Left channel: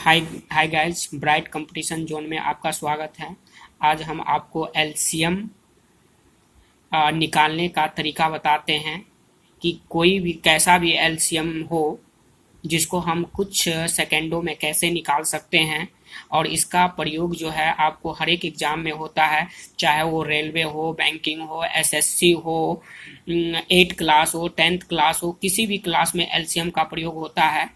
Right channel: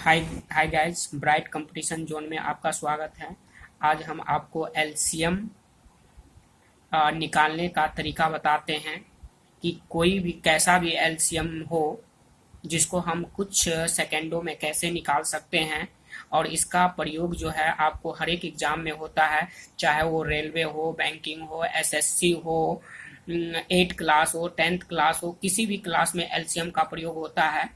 हाय hi guys, bright competition zone में आपका स्वागत है। आज हम आपको एलसीएम निकालने का तरीका बताते हैं कि कोई भी कैसा भी एलसीएम हो जिसको हम कुछ सेकंडों में कैसे निकाल सकते हैं। और इसका प्रयोग जो है आपको हर एक एग्जाम में होता है, चाहे वो रेलवे हो, बैंकिंग हो, एसएससी हो, 8 क्लास हो, 10th क्लास हो, किसी भी क्लास में एलसीएम का प्रयोग होता है।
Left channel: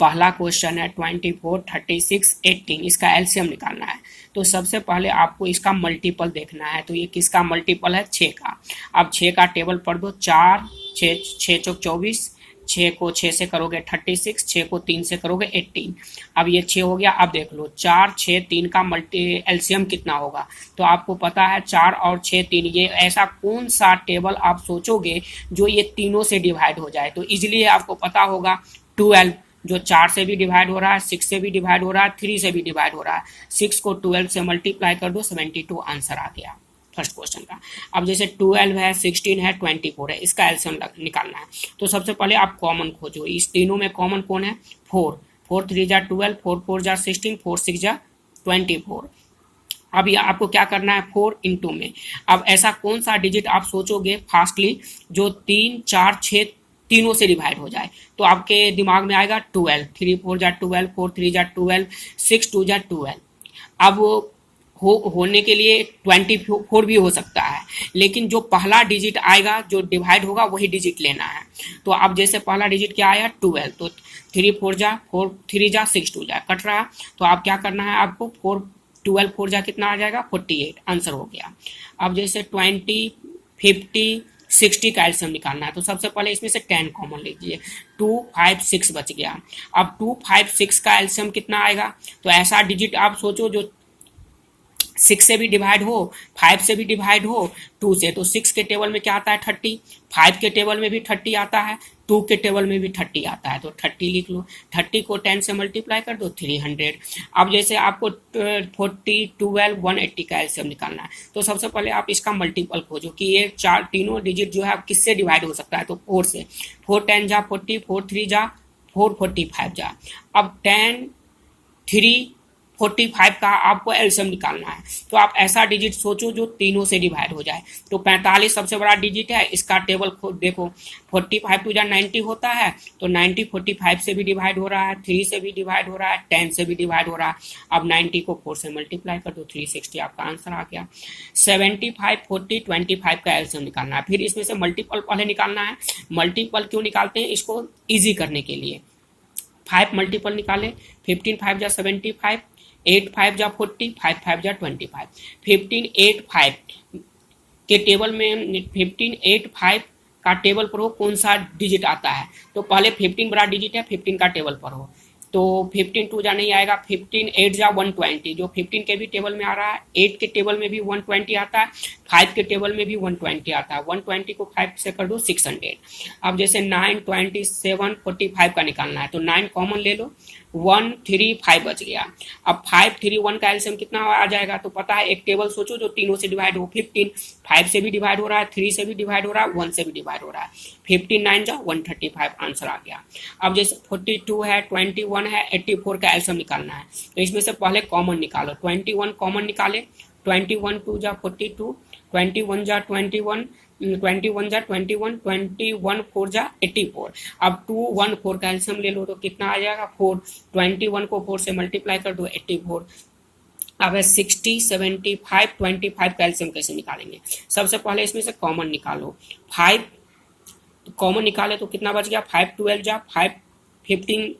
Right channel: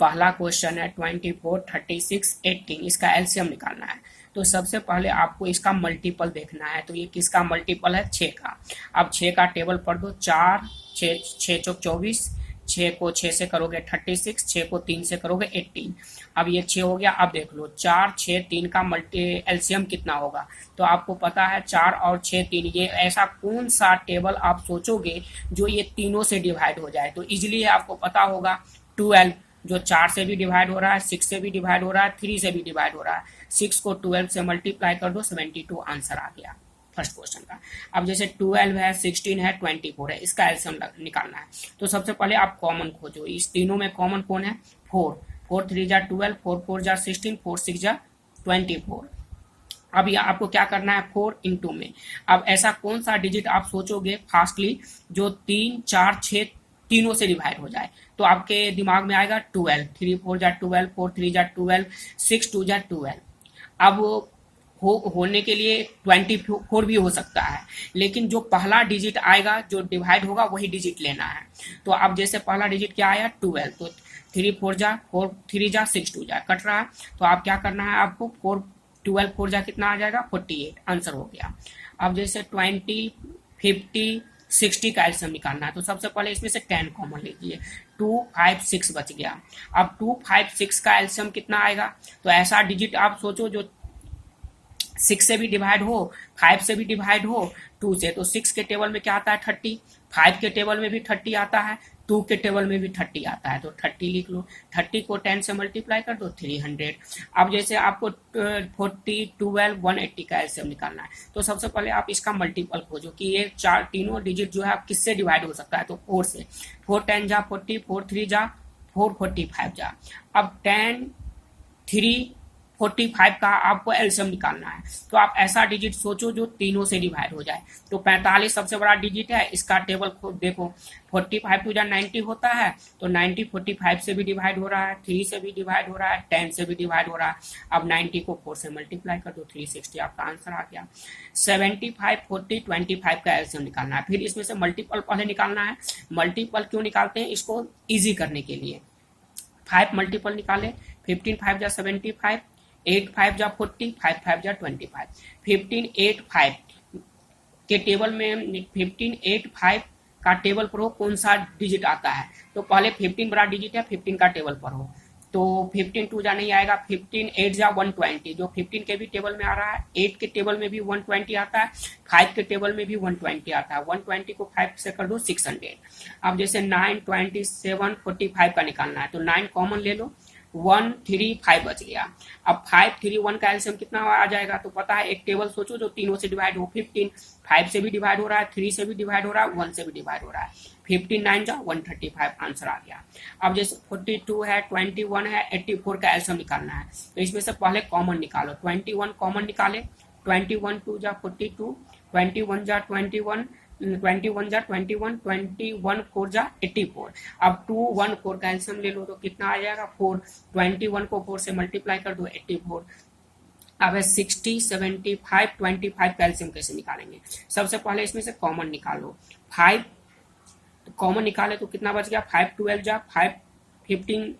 पहला क्वेश्चन है 24, 36, 18, इसका एलसीएम निकालना है। तो सबसे पहले आपको इसका मल्टीपल देखना है। तो ये किसका मल्टीपल है? 6 का। अब 6 का टेबल पढ़ दो। 4 6 6 चौक 24, 6 को 6 से करोगे 36, 6 को 3 से करोगे 18। अब ये 6 हो गया। अब देख लो 4 6 3 का मल्टी एलसीएम कितना होगा। तो आपको पता है 4 और 6 3, ये ऐसा कौन सा टेबल आप सोचोगे जो ये तीनों से डिवाइड हो जाए। तो इजीली आपको पता होगा 12, जो 4 से भी डिवाइड हो रहा है, 6 से भी डिवाइड हो रहा है, 3 से भी डिवाइड हो रहा है। 6 को 12 से मल्टीप्लाई कर दो, 72 आंसर आ गया फर्स्ट क्वेश्चन का। अब जैसे 12 है, 16 है, 24 है, इसका एलसीएम निकालना है। तो सबसे पहले आप कॉमन खोजो। इस तीनों में कॉमन कौन है? 4। 4 3 जा 12, 4 4 जा 16, 4 6 जा 24। अब ये आपको क्या करना है? 4 इंटू में। अब ऐसा कौन सा डिजिट आप सोचोगे फास्टली जो 3 4 6 तीनों से डिवाइड हो जाए। तो आपके दिमाग में आएगा 12। 3 4 जा 12, 4 3 जा 12, 6 2 जा 12। अब होने के लिए 24 भी हो सकता है, लेकिन जो पहला डिजिट आएगा जो डिवाइड होगा वही डिजिट लेना है। तो अब जैसे पहला डिजिट क्या आया? 12। तो 3 4 जा 4, 3 जा 6 2 जा कट रहा है। तो आप क्या करना है? आपको 4 12 4 जा कितना आ जाएगा? 48 आंसर हो गया। अब जैसे 20 50 60 का एलसीएम निकालना है। तो सबसे पहले इसमें से 10 कॉमन लीजिए। 2 5 6 बच गया। अब 2 5 6 का एलसीएम कितना आएगा? तो ऐसा डिजिट आप सोचो जो 6 से भी डिवाइड हो, 5 से भी डिवाइड हो, 2 से। तो 6 के टेबल में क्या आता है? 30। 5 के टेबल में भी 30 आता है, 2 के टेबल में भी 30 आता है। तो 30 लिख लो। 30 को 10 से मल्टीप्लाई कर दो, 300। अब जैसे आपको 40 12 180 का एलसीएम निकालना है। तो सबसे पहले आप इसका मल्टीपल खोजो कि ये चार तीनों डिजिट जो है किससे डिवाइड हो सकता है। तो 4 से। 4 10 जा 40, 4 3 जा 4 45 जा। अब 10 3 45 का आपको एलसीएम निकालना है। तो आप ऐसा डिजिट सोचो जो तीनों से डिवाइड हो जाए। तो 45 सबसे बड़ा डिजिट है, इसका टेबल देखो। 45 टू जा 90 होता है, तो 90 45 से भी डिवाइड हो रहा है, 3 से भी डिवाइड हो रहा है, 10 से भी डिवाइड हो रहा है। अब 90 को 4 से मल्टीप्लाई कर दो, 360 आपका आंसर आ गया। 75 40 25 का एलसीएम निकालना है। फिर इसमें से मल्टीपल पहले निकालना है। मल्टीपल क्यों निकालते हैं? इसको ईजी करने के लिए। 5 मल्टीपल निकाले। 15 5 जा 75, 8 5 जा 40, 5 5 जा 25। 15 8 5 के टेबल में 15 8 5 का टेबल पर हो कौन सा डिजिट आता है। तो पहले 15 बड़ा डिजिट है, 15 का टेबल पर हो। तो 15 2 जा नहीं आएगा। 15 8 जा 120, जो 15 के भी टेबल में आ रहा है, 8 के टेबल में भी 120 आता है, 5 के टेबल में भी 120 आता है। 120 को 5 से कर दो, 600। अब जैसे 9 27 45 का निकालना है। तो 9 कॉमन ले लो, 1 3 5 बच गया। अब 5 3 1 का एलसीएम कितना आ जाएगा? तो पता है, एक टेबल सोचो जो तीनों से डिवाइड हो। 15 5 से भी डिवाइड हो रहा है, 3 से भी डिवाइड हो रहा है, 1 से भी डिवाइड हो रहा है। 15 9 जा 135 आंसर आ गया। अब जैसे 42 है, 21 है, 84 का एलसीएम निकालना है। तो इसमें से पहले कॉमन निकालो। 21 कॉमन निकाले। 21 2 जा 42, 21 जा 21, 21 जा 21, 21 4 जा 84। अब 2 1 4 का एलसीएम ले लो तो कितना आ जाएगा? 4। 21 को 4 से मल्टीप्लाई कर दो, 84। अब है 60 75 25 का एलसीएम कैसे निकालेंगे? सबसे पहले इसमें से कॉमन निकालो। 5 कॉमन निकाले तो कितना बच गया? 5 12 जा 5 15,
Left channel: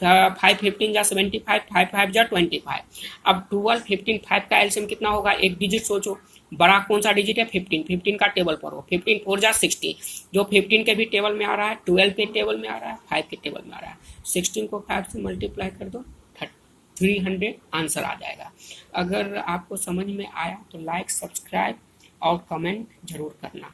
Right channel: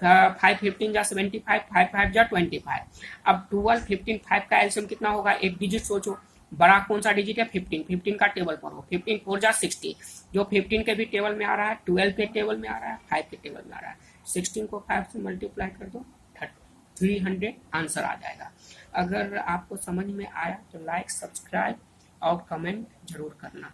5 15 जा 75, 5 5 जा 25। अब 12 15 5 का एलसीएम कितना होगा? एक डिजिट सोचो, बड़ा कौन सा डिजिट है? 15। 15 का टेबल पर हो। 15 4 जा 60, जो 15 के भी टेबल में आ रहा है, 12 के टेबल में आ रहा है, 5 के टेबल में आ रहा है। 16 को 5 से मल्टीप्लाई कर दो, 300 आंसर आ जाएगा। अगर आपको समझ में आया तो लाइक सब्सक्राइब और कमेंट जरूर करना।